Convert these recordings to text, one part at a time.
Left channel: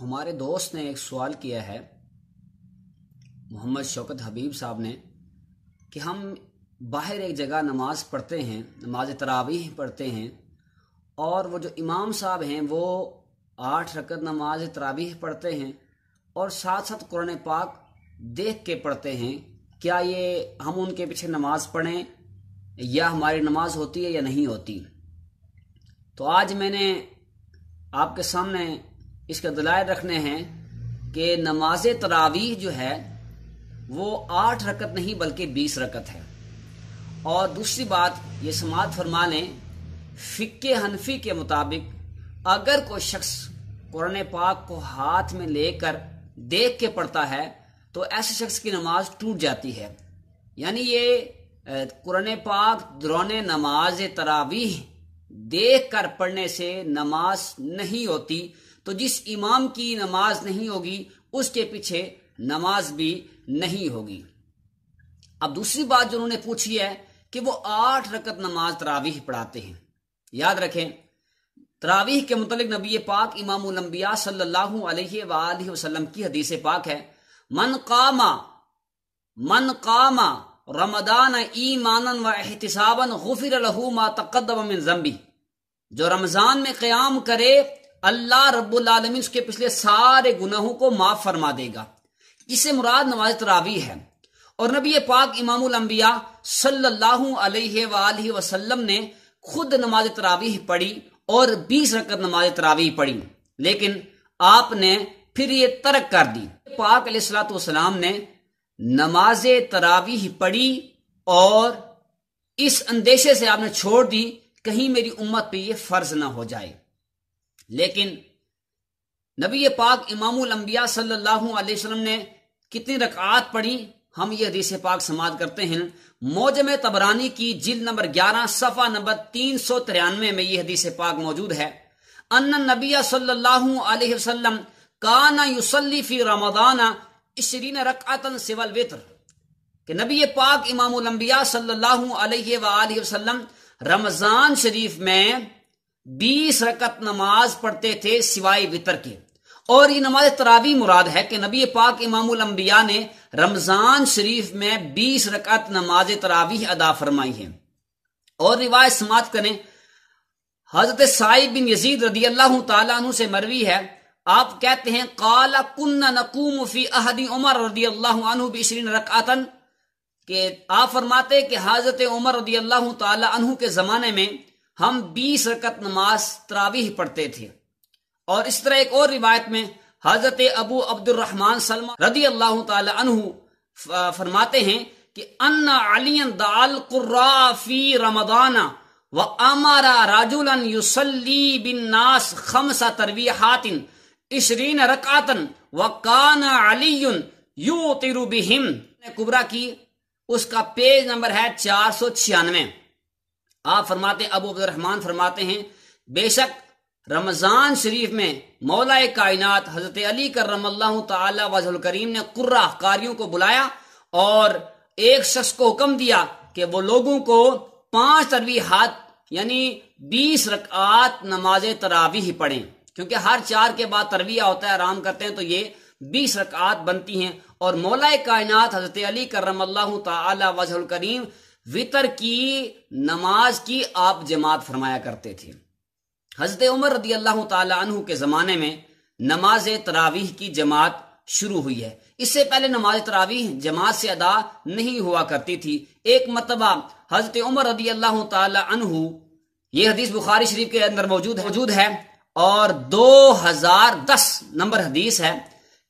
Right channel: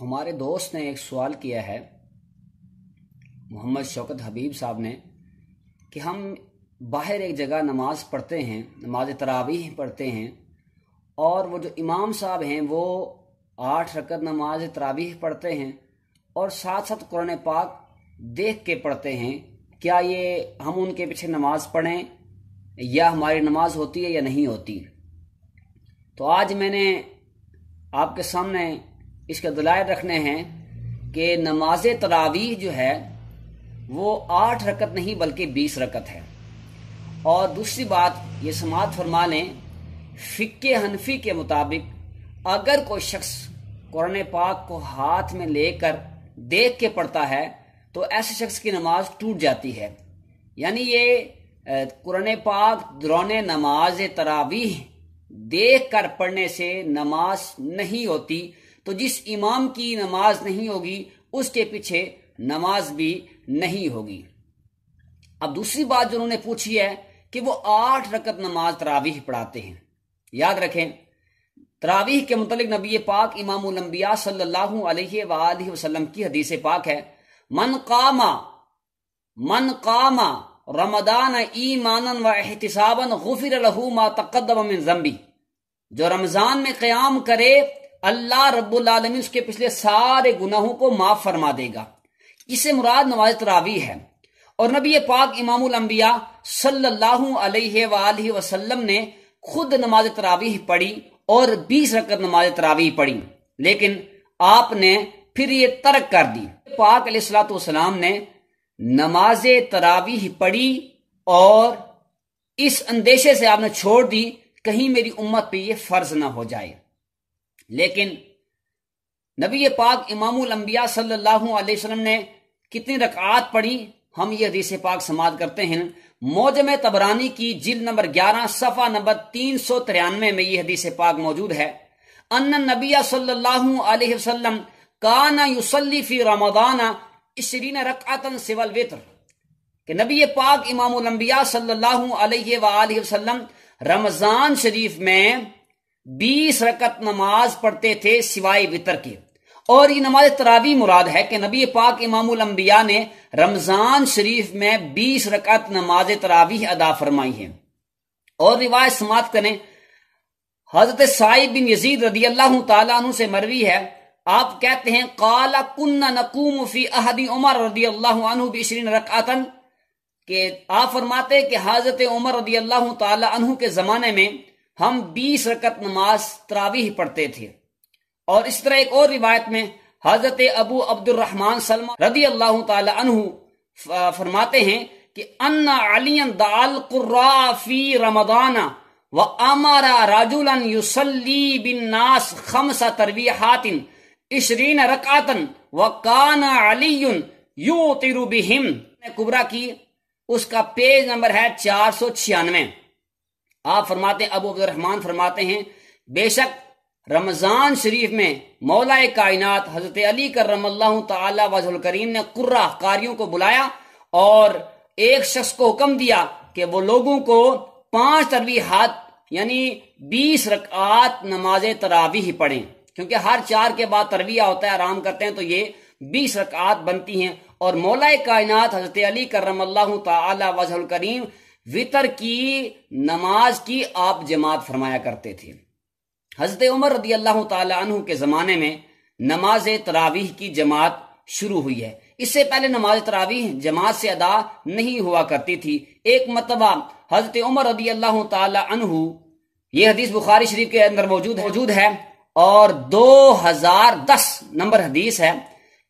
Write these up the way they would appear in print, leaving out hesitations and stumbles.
ہمارے دوست نے ایک سوال کیا ہے محمد شوکت حبیب صاحب نے کہ ہم باہر ایک جگہ نماز پڑھتے ہیں، نماز تراویح پڑھتے ہیں، اور وہ جو امام صاحب ہیں وہ 8 رکعت نماز تراویح پڑھتے ہیں اور ساتھ ساتھ قرآن پاک دیکھ کے پڑھتے ہیں، کیا یہ ہم ان کے پیچھے نماز پڑھیں یا ہماری نماز ہوتی ہے یا نہیں ہوتی؟ تو آج میں نے آپ کے سامنے اس کے دلائل رکھنے ہیں کہ نماز تراویح جو ہے وہ 8 رکعت نہیں بلکہ 20 رکعت ہے۔ اور دوسری بات یہ سماعت فرما لیں، فقہ حنفی کے مطابق اگر کوئی شخص قرآن پاک کو ہاتھ میں لے کر دیکھ کے پڑھتا ہے تو ایسے شخص کی نماز ٹوٹ جاتی ہے، یعنی یہ قرآن پاک دوران نماز تراویح دیکھ کر پڑھنے سے نماز نہیں ہوتی، تو جس امام کی نماز نہیں ہوگی اس کے پیچھے نماز بھی نہیں ہوگی۔ اب دوسری بات جو انہوں نے پوچھی ہے کہ وہ 8 رکعت نماز تراویح پڑھاتے ہیں۔ یاد رکھیں، تراویح کے متعلق نبی پاک امام الانبیاء صلی اللہ علیہ وآلہ وسلم کی حدیث پاک ہے، من قام رمضان ایمانا و احتسابا غفر له ما تقدم من ذنبی، جو رمضان میں قیام کرے اللہ رب العالمین اس کے پچھلے سارے گناہوں کو معاف فرما دے گا۔ اس سے مراد نماز تراویح ہے، اور نبی پاک امام الانبیاء صلی اللہ علیہ وآلہ وسلم نے خود نماز تراویح پڑھی اور 20 رکعت نماز تراویح پڑھی، لیکن آپ نے پھر یہ ترک کر دی۔ پاک علیہ الصلوۃ والسلام نے نماز تراویح پڑھی اور اس اندیشے سے آپ نے چھوڑ دی کہیں میری امت پہ یہ فرض نہ ہو جائے۔ لیکن نبی پاک امام الانبیاء صلی اللہ علیہ وسلم نے کتنی رکعات پڑھی، ہم یہ حدیث پاک سماعت کرتے ہیں۔ معجم طبرانی کی جلد نمبر 11 صفحہ نمبر 393 میں یہ حدیث پاک موجود ہے، ان النبی صلی اللہ علیہ وسلم کان یصلی فی رمضان 20 رکعتا سوى الوتر، کہ نبی پاک امام الانبیاء صلی اللہ علیہ وآلہ وسلم رمضان شریف میں 20 رکعت نماز پڑھتے تھے سوائے وتر کے۔ اور یہ نماز تراویح مراد ہے کہ نبی پاک امام الانبیاء نے رمضان شریف میں 20 رکعت نماز تراویح ادا فرمائی ہے۔ اور روایت سماعت کریں، حضرت سعید بن یزید رضی اللہ تعالیٰ عنہ سے مروی ہے، آپ کہتے ہیں قال کنا نقوم فی عہد عمر رضی اللہ عنہ ب20 رکعتا، کہ آپ فرماتے کہ حضرت عمر رضی اللہ تعالیٰ عنہ کے زمانے میں ہم 20 رکعت نماز تراویح پڑھتے تھے۔ اور اس طرح ایک اور روایت میں حضرت ابو عبد الرحمن سلمہ رضی اللہ تعالی عنہ فرماتے ہیں کہ ان علی دعا القراء فی رمضان وامر رجلا یصلی بالناس 5 تراویحات 20 رکعتا وکان علی یوتر بہم، کبریٰ کی اس کا پیج نمبر ہے 496۔ آپ فرماتے ہیں، ابو عبد الرحمن فرماتے ہیں، بے شک رمضان شریف میں مولا کائنات حضرت علی کرم اللہ تعالی وجہ الکریم نے قرہ قاریوں کو بلایا اور ایک شخص کو حکم دیا کہ وہ لوگوں کو 5 تراویحات یعنی 20 رکعات نماز تراویح پڑھیں، کیونکہ ہر 4 کے بعد تراویح ہوتا ہے، آرام کرتے ہیں، تو یہ 20 رکعات بنتی ہیں۔ اور مولا کائنات حضرت علی کرم اللہ تعالی وجہ الکریم وتر کی نماز کی آپ جماعت فرمایا کرتے تھے۔ حضرت عمر رضی اللہ تعالی عنہ کے زمانے میں نماز تراویح کی جماعت شروع ہوئی ہے، اس سے پہلے نماز تراویح جماعت سے ادا نہیں ہوا کرتی تھی۔ ایک مرتبہ حضرت عمر رضی اللہ تعالی عنہ، یہ حدیث بخاری شریف کے اندر موجود ہے اور 2010 نمبر حدیث ہے،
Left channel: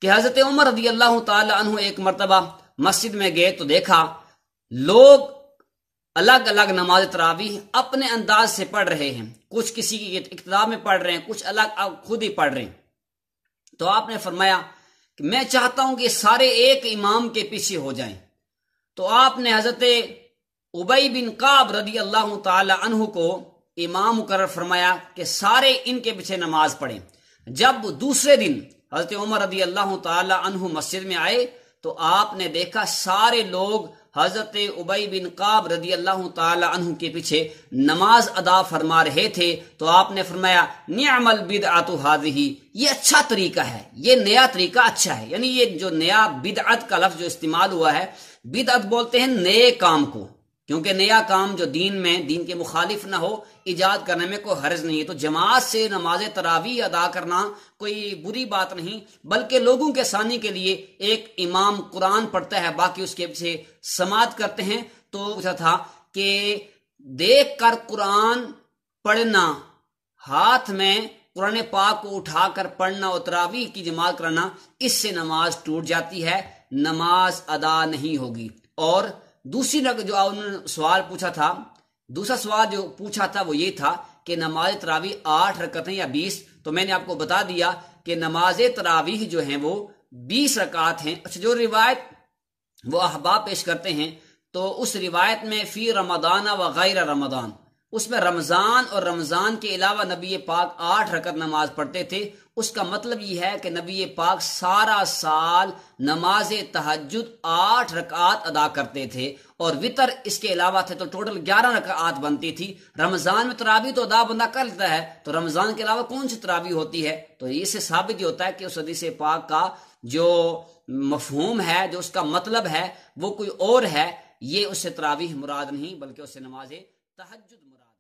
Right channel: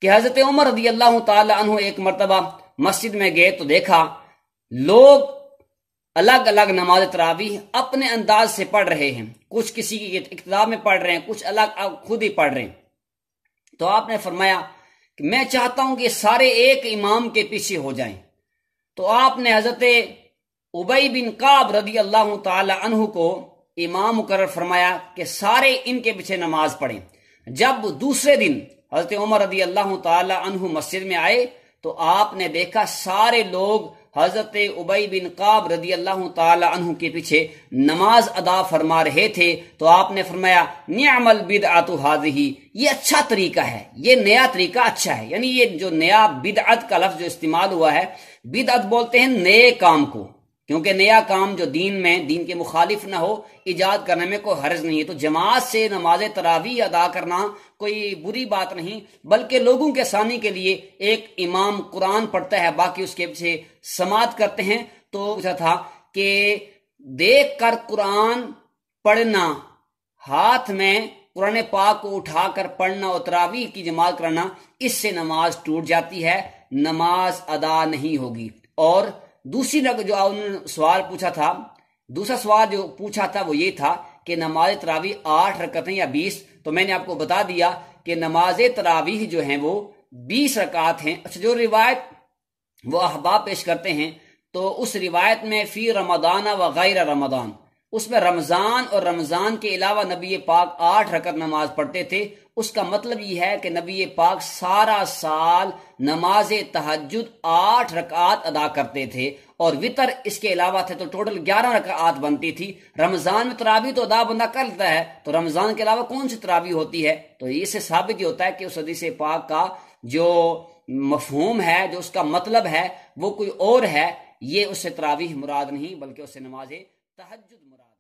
کہ حضرت عمر رضی اللہ تعالی عنہ ایک مرتبہ مسجد میں گئے تو دیکھا لوگ الگ الگ نماز تراویح اپنے انداز سے پڑھ رہے ہیں، کچھ کسی کی اقتداء میں پڑھ رہے ہیں، کچھ الگ خود ہی پڑھ رہے ہیں۔ تو آپ نے فرمایا کہ میں چاہتا ہوں کہ سارے ایک امام کے پیچھے ہو جائیں۔ تو آپ نے حضرت ابی بن کعب رضی اللہ تعالی عنہ کو امام مقرر فرمایا کہ سارے ان کے پیچھے نماز پڑھیں۔ جب دوسرے دن حضرت عمر رضی اللہ تعالی عنہ مسجد میں آئے تو آپ نے دیکھا سارے لوگ حضرت ابی بن کعب رضی اللہ تعالی عنہ کے پیچھے نماز ادا فرما رہے تھے، تو آپ نے فرمایا نعم البدعۃ ھذہ، یہ اچھا طریقہ ہے، یہ نیا طریقہ اچھا ہے۔ یعنی یہ جو نیا بدعت کا لفظ جو استعمال ہوا ہے، بدعت بولتے ہیں نئے کام کو، کیونکہ نیا کام جو دین میں دین کے مخالف نہ ہو ایجاد کرنے میں کوئی حرج نہیں ہے۔ تو جماعت سے نماز تراویح ادا کرنا کوئی بری بات نہیں، بلکہ لوگوں کے ثانی کے لیے ایک امام قرآن پڑھتا ہے، باقی اس کے پیچھے سماعت کرتے ہیں۔ تو پوچھا تھا کہ دیکھ کر قرآن پڑھنا، ہاتھ میں قرآن پاک کو اٹھا کر پڑھنا اور تراویح کی جماعت کرنا، اس سے نماز ٹوٹ جاتی ہے، نماز ادا نہیں ہوگی۔ اور دوسری جو انہوں نے سوال پوچھا تھا، دوسرا سوال جو پوچھا تھا وہ یہ تھا کہ نماز تراویح 8 رکعتیں یا 20، تو میں نے آپ کو بتا دیا کہ نماز تراویح جو ہیں وہ 20 رکعت ہیں۔ اچھا، جو روایت وہ احباب پیش کرتے ہیں تو اس روایت میں فی رمضان و غیر رمضان، اس میں رمضان اور رمضان کے علاوہ نبی پاک 8 رکعت نماز پڑھتے تھے۔ اس کا مطلب یہ ہے کہ نبی پاک سارا سال نماز تہجد 8 رکعات ادا کرتے تھے، اور وطر اس کے علاوہ تھے، تو ٹوٹل 11 رکعات بنتی تھی۔ رمضان میں تراویح تو ادا بندہ کر لیتا ہے، تو رمضان کے علاوہ کون سی تراویح ہوتی ہے؟ تو اس سے ثابت یہ ہوتا ہے کہ اس حدیث پاک کا جو مفہوم ہے، جو اس کا مطلب ہے، وہ کوئی اور ہے، یہ اس سے تراویح مراد نہیں بلکہ اس سے نماز تہجد مراد۔